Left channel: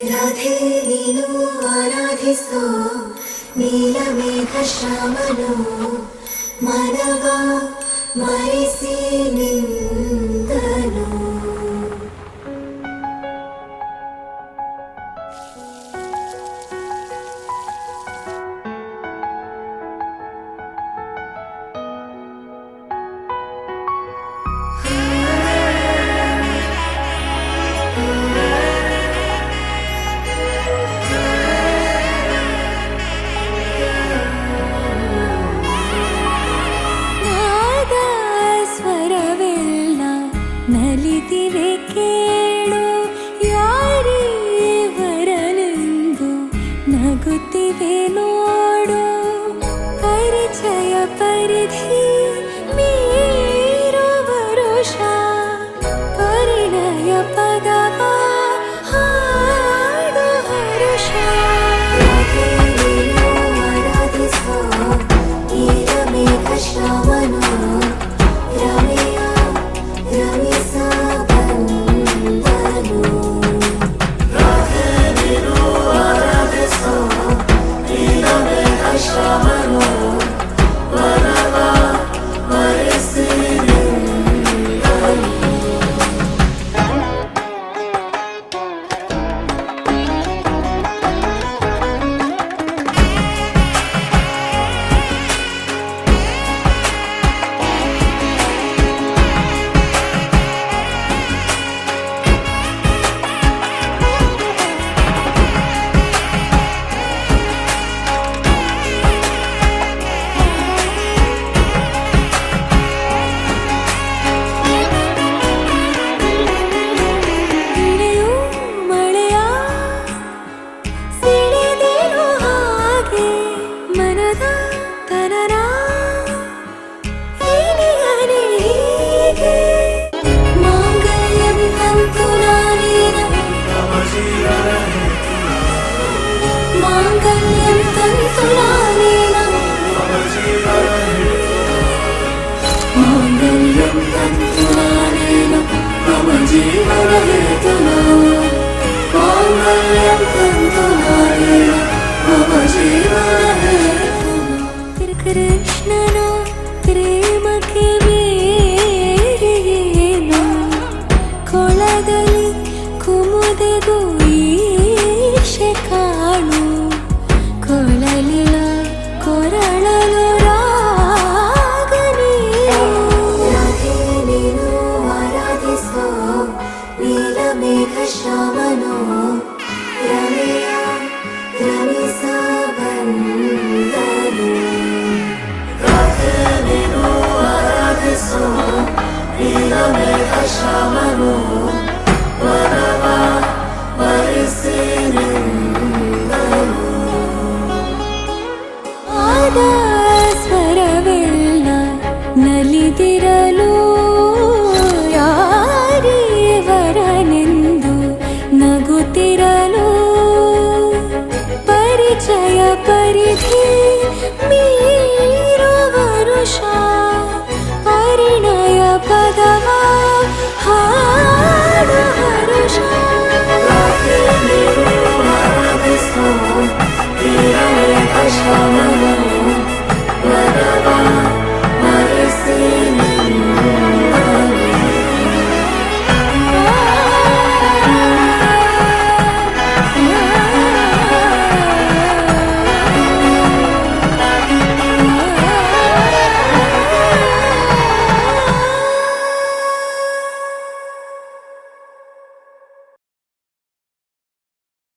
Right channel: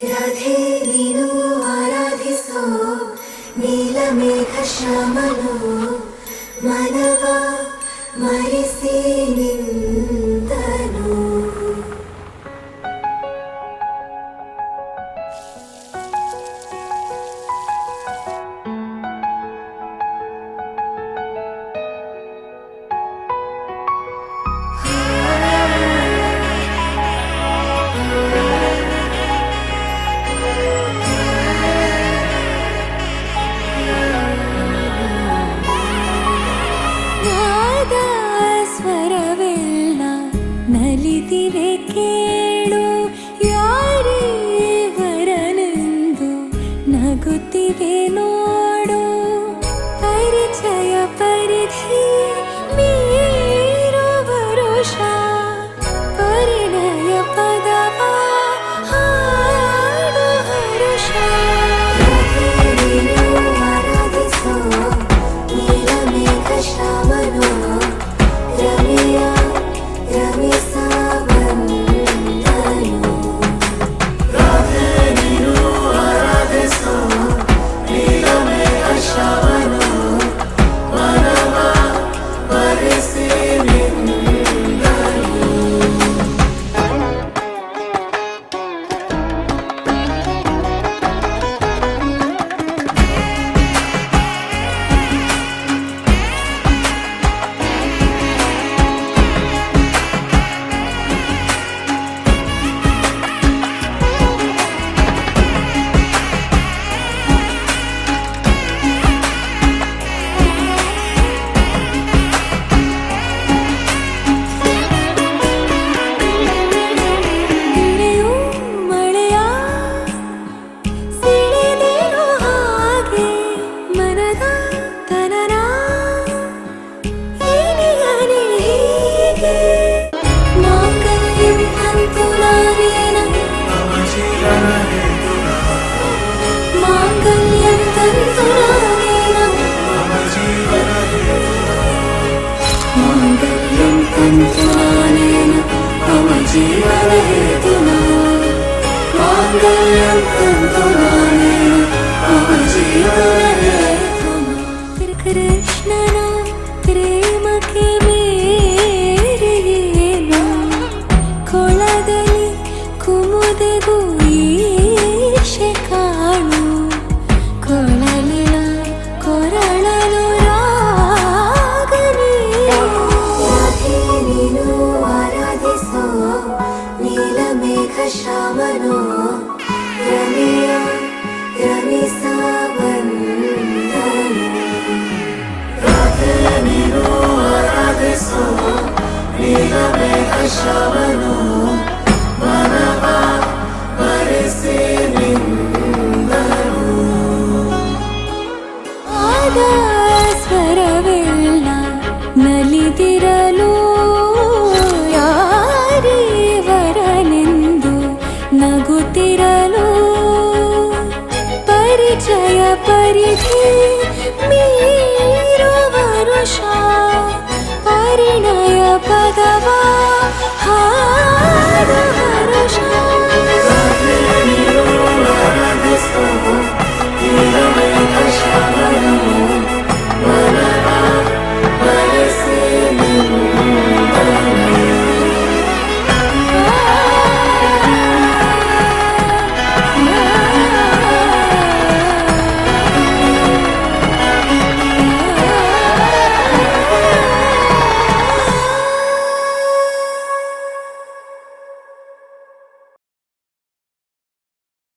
ರಾಧೆ ನೀನು ಆರಾಧಿಸೋ ನೀಲಮೇಘ ಶ್ಯಾಮನು ಮಾನವ ಮರಿಸಿ ನಿಂದನು. ನಲಿದಿವೆ ಕೇಳು ಯಾರೇ ವರನೆಂದು ನಗುತ್ತಿವೆ ನೋಡು. ಪರಿಚಯ ಪರಿಧಿ ಮೀರೋ ವರುಷ ಪರಿಣಯ ಪದವ ಹಾಡು ಹರುಷ. ಕೃಷ್ಣನ ಪ್ರೇಮಕ್ಕೆ ಬೇರೆಯೇನು ಕೊಳದಲ್ಲಿ ಕುಮುದೆಗೂ ಈಶೆ ಕಾಣು. ಕೊಳಲಿನ ಕೊರಳಲು ರಾಗ ನೀನು ಆರಾಧಿಸೋ ನೀಲಮೇಘ ಶ್ಯಾಮನು ರಮಿಯ ರಮಿಸ ನೀಲಮೇಘ ಶ್ಯಾಮನು ಮಾನವ ಮರಿಸಿ ನಿಂದನು. ಆದ ಸ್ವರವೆಲ್ಲ ನಲಿದಿರಲು ಯಾರೇ ವರನೆಂದು ನಗುತ್ತಿರಲು. ಪರಿಚಯ ಪರಿಧಿ ಮೀರೋ ವರುಷ ಪರಿಣಯ ಪದವ